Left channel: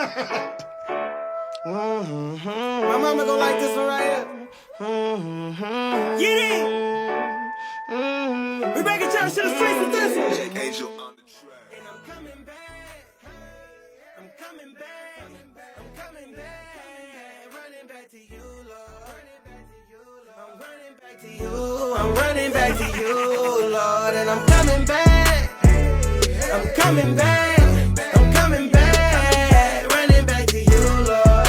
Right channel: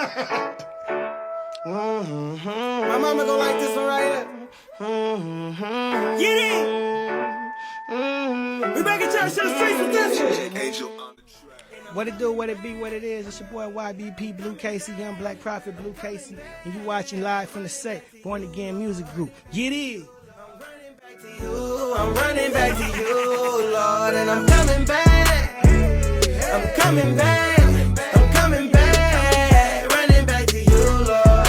My mama gon' like this one right here. Get it! We back in church to the streets with this one. What it do, what it be, what it is. It's your boy YBP BLU CASEY, Young Black Prophet BLU CASEY, and you watching live from the set, Born Again Music Group. Get it! I'm running back to you, Lord, and I'm coming back. I'm coming back. I'm coming back. Running back to you, Lord.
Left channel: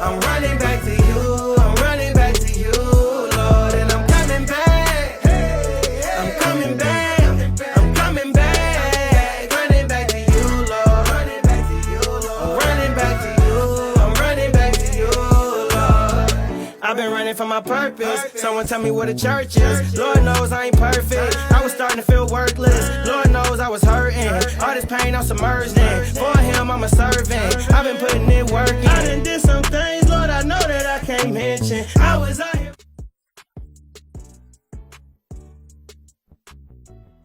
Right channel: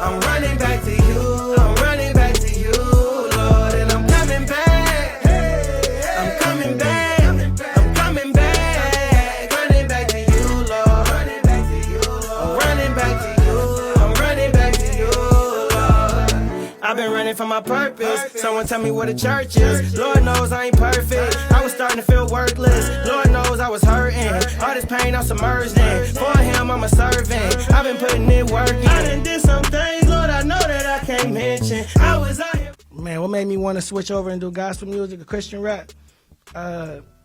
I'm running back to you. I'm running back to you, Lord, and I'm coming back. I'm coming back. I'm coming back. Running back to you, Lord. Running back to you, Lord. I'm running back to you. I'm running back to you, Lord. I've been running for my purpose. Someone tell me what a church is. Lord knows I ain't perfect. I was starting to feel worthless. Lord knows I was hurting. All this pain I'm submerged in. For him I'm a servant. I've been putting in work in. I done did some things, Lord, I know that I can't mention. I was out here. Man, what made me want to switch over and do gospel music, a Christian rap?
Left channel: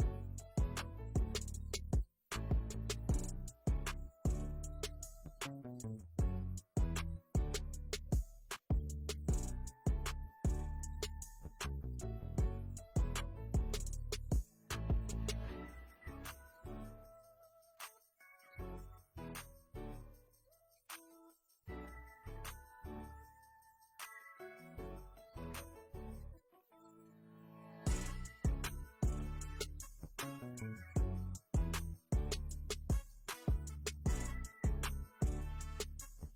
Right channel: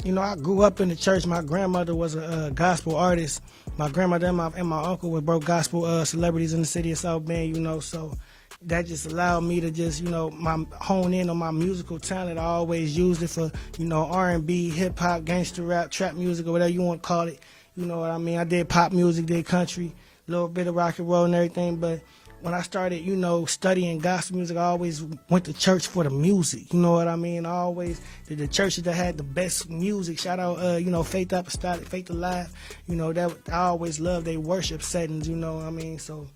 You know, I grew up in the church. My grandmother was a gospel artist. My grandmother and my uncle were both gospel celebrities in the city of South Bend, you know, so that just allowed me to just, you know, hone in on my musical talent. I always used it for, you know, R&B, hip-hop, gangster rap, trap music, or whatever you want to call it. You know what I mean? I did pop music, did country, a little bit of rock and roll and everything, but when I started, you know, studying gospel music, I always went to church for the music. You know what I mean? I always did the churches that had the best music. Shout out, you know, Faith Apostolic, Faith Alive. You know, that I always loved their worship settings, you know what I mean? So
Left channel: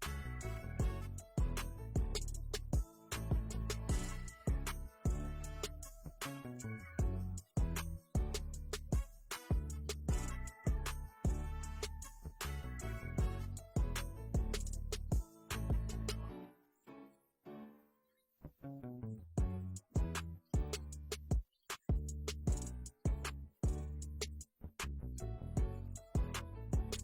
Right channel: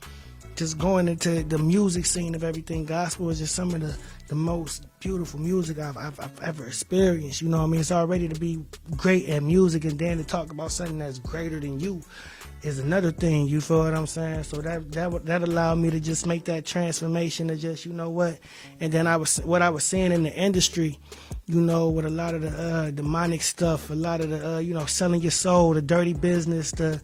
just going into the music scene of everything, gospel is just some of the most beautiful music I've ever experienced. You know what I mean? It's already to be great at music, and then to talk about something that's greater than you is another thing. You feel what I'm saying? So that allowed me to just make that transformation to just, you know what? And then what I was seeing in the industry, you know, with a lot of the demonic stuff, a lot of the you know, selling your soul, the dirty business, the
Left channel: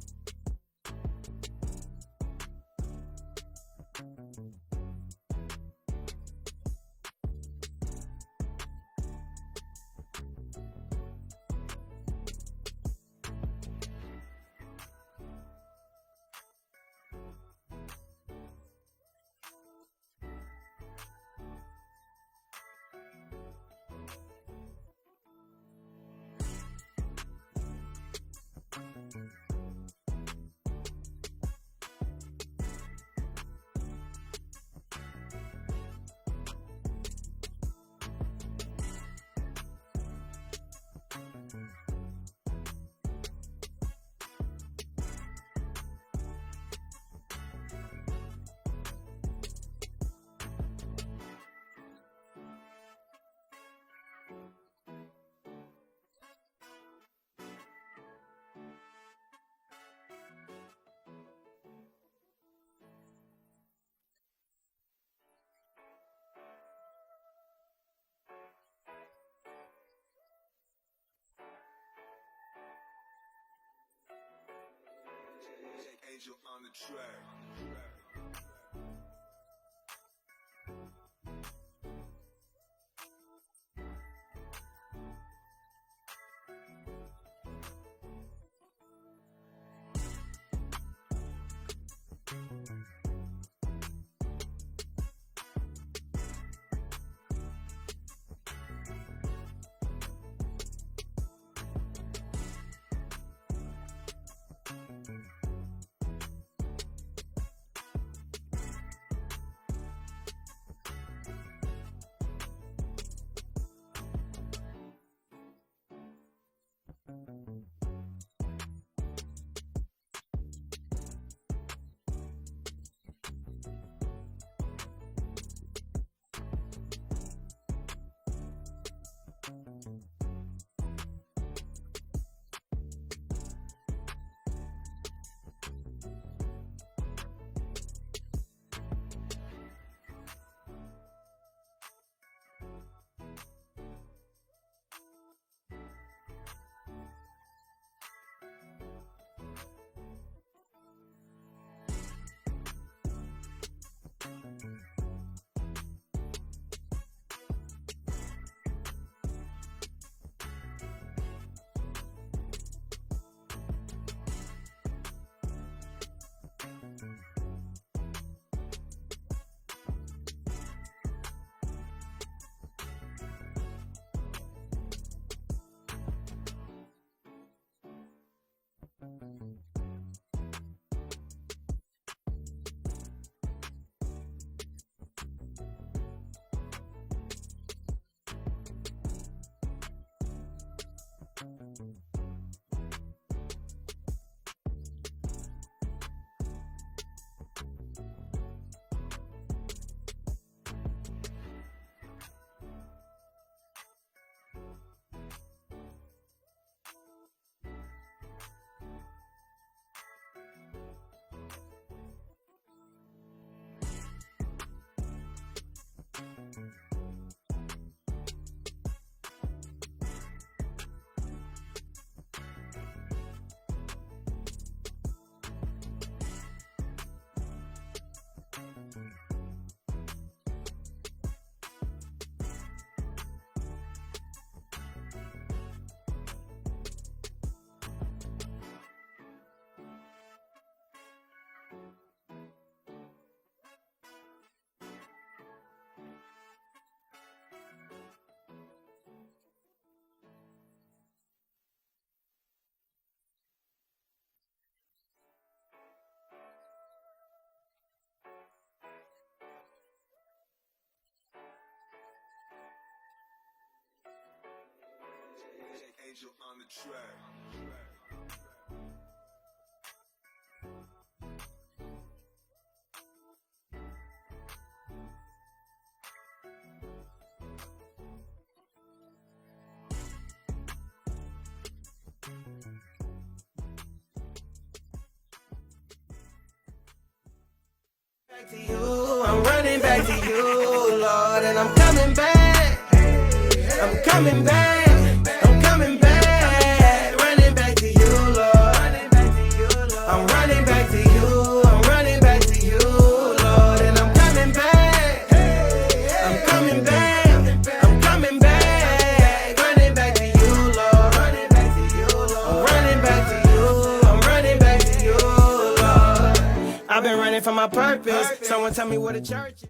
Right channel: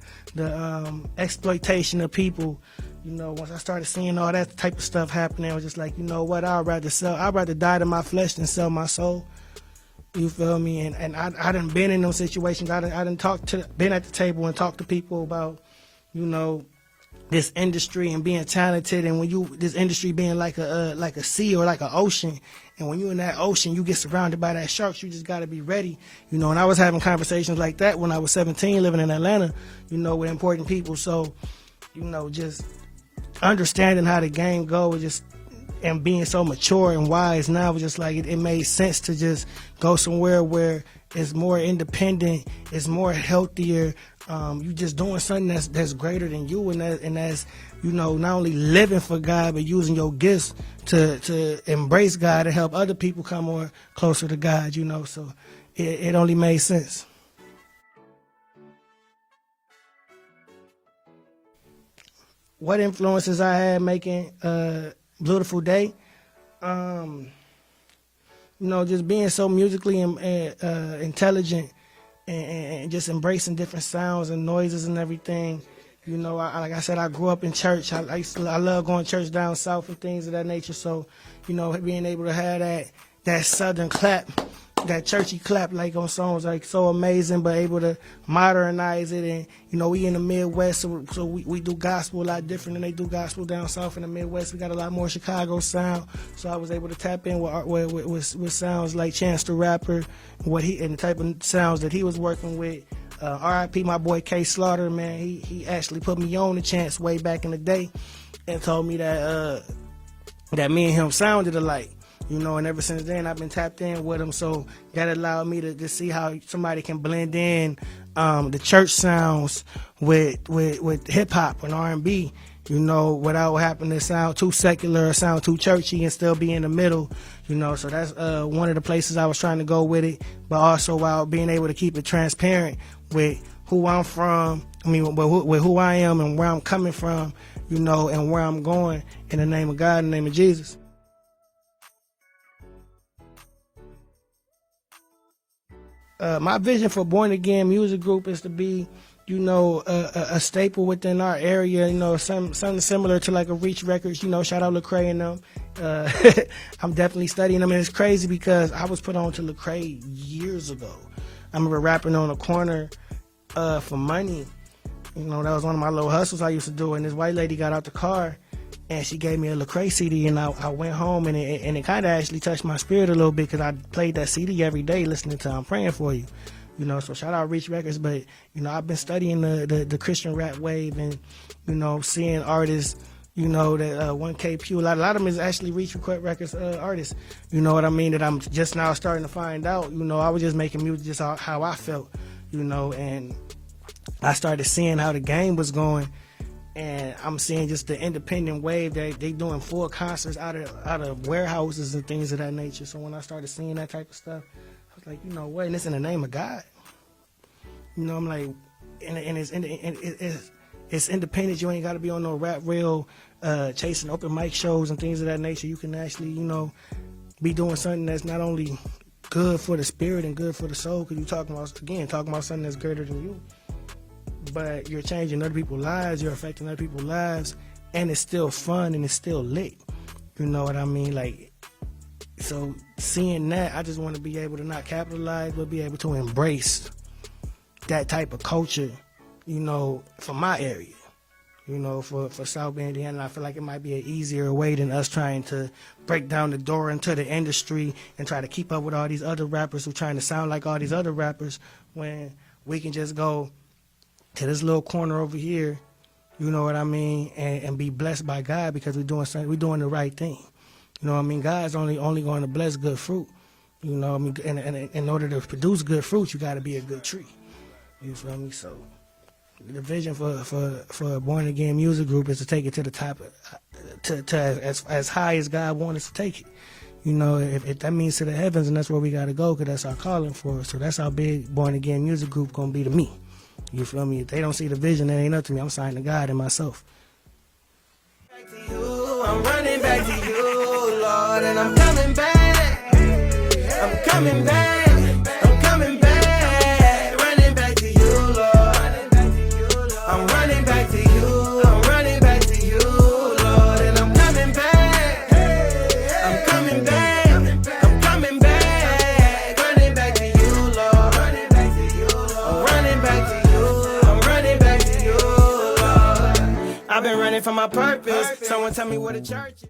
exploitation of people. You know, once I started seeing all that type of stuff happening, I was just like, you know what, I'd rather die to my flesh than sell my soul. You feel me? And I done been in those situations. I done been at the table and talked to people about, you know, this industry and being talented, and this industry being like a sea or like an ocean, and when you're in that ocean, you get surrounded by that sharks. You just got to be ready, you know. And I was having conversations like that when I was 17, living in Atlanta, you know, with important people. So, you know, just understanding how the game goes, and being so mature and wise now, was just like it made sense to just go somewhere where it's more independent, it's more healthier. You just doing something that's greater than you, and that's, you know, not only living for God, but using your gifts to embrace God and help other people come more closer to God, you know. So it only made sense. What influences I had making Beautiful Day? You know, just being so musically intelligent and just embracing different sounds and noises and everything. You know, like I said, I grew up in church. I love going to church down south and things of that nature. So, you know, being able to have that southern clap, that churchy clap, like on songs, like so amazing, but able to modernize it. And, you know, we in the Midwest, so we do gospel a lot different than they do gospel down south in the Midwest. We got a lot more Chicago sound, so I was able to tap in with sounds like Chance the Rapper, and the type of sounds that he was working with. R.I.P. my boy K Slaughter, man, he actually put me on the Chance way back in the day and told me that me and him sounded alike. You know, and ever since then, I've been tapped in with him. So that allowed me to see how somebody can blend in the church sounds with hip-hop and R&B, you know, without having to sound too secular or sound too churchy, and still be in the middle, you know. So that's one of the places I was trying to go with it, but also while being able to keep it transparent with who I'm from, with who I am and where I'm coming from, you know, and where I'm going, in the name of God, in the name of Jesus. My vision for Born Again Music Group is to be, you know, a staple within our area, you know, something similar to like a Reach Records, you know, shout out Lecrae and them. I'm definitely studying them, and it's crazy because I was put on to Lecrae years ago. I remember rapping on a corner for money, You know, that was one of my little hustles I used to do. And this white lady got out the car, and she gave me a Lecrae CD, and I went home, and it kind of actually touched my spirit a little bit, because I played that CD every day listening to I'm Praying For You. You know, so shout out Reach Records. But, you know, I've been studying the Christian rap wave, and, you know, seeing artists, you know, that 1K Pew, a lot of them is actually Reach Records artists. You know what I mean? That I'm just now starting to find out. You know, I was just making music just how I felt, you know, and I started seeing how the game was going, and I'm seeing just the independent wave that they doing full concerts out of warehouses and things of that nature. So when I started seeing that type of stuff, I was like, you know what, and it's in the name of God. You know, I'm like, and it's independent. You ain't got to be on no rap reel, chasing open mic shows and things of that nature. You can actually, you know, be doing something that's not only good for the spirit and good for the soul, because you're talking about something that's greater than you, but you're changing other people's lives, you're affecting other people's lives, and it's still fun and it's still lit. You know what I mean? Like, so seeing that, I just want to be able to not capitalize, but be able to embrace that type of culture, you know, for my area, you know, for South Bend, Indiana. I feel like it might be an easier way than us trying to break down the door into the industry and try to keep up with all these other rappers who trying to sound like all these other rappers, when we can just go to this little corner over here, you know what I mean, and be blessed by God, because we're doing something, we're doing the right thing. You know what I mean? God's only going to bless good fruit. You know what I mean? And in order to produce good fruit, you got to be a good tree. You feel me? So the vision for a born again music group is to take it to the top, to as high as God wants us to take it. You know, if that means to the heavens, and that's where we got to go, because that's our calling for us. So that's how big born again music group gonna be to me. You feel me? If they don't see the vision, that ain't up to me. I'm signing to God and myself. Back to you, I'm running back to you, Lord, and I'm coming back. I'm coming back. I'm coming back. Running back to you, Lord. I'm running back to you. I'm running back to you, Lord, and I'm coming back. I'm coming back. I'm coming back. Running back to you, Lord. Running back to you, Lord. I'm running back to you. I'm running back to you, Lord. I've been running from my purpose. Someone tell me what a church is.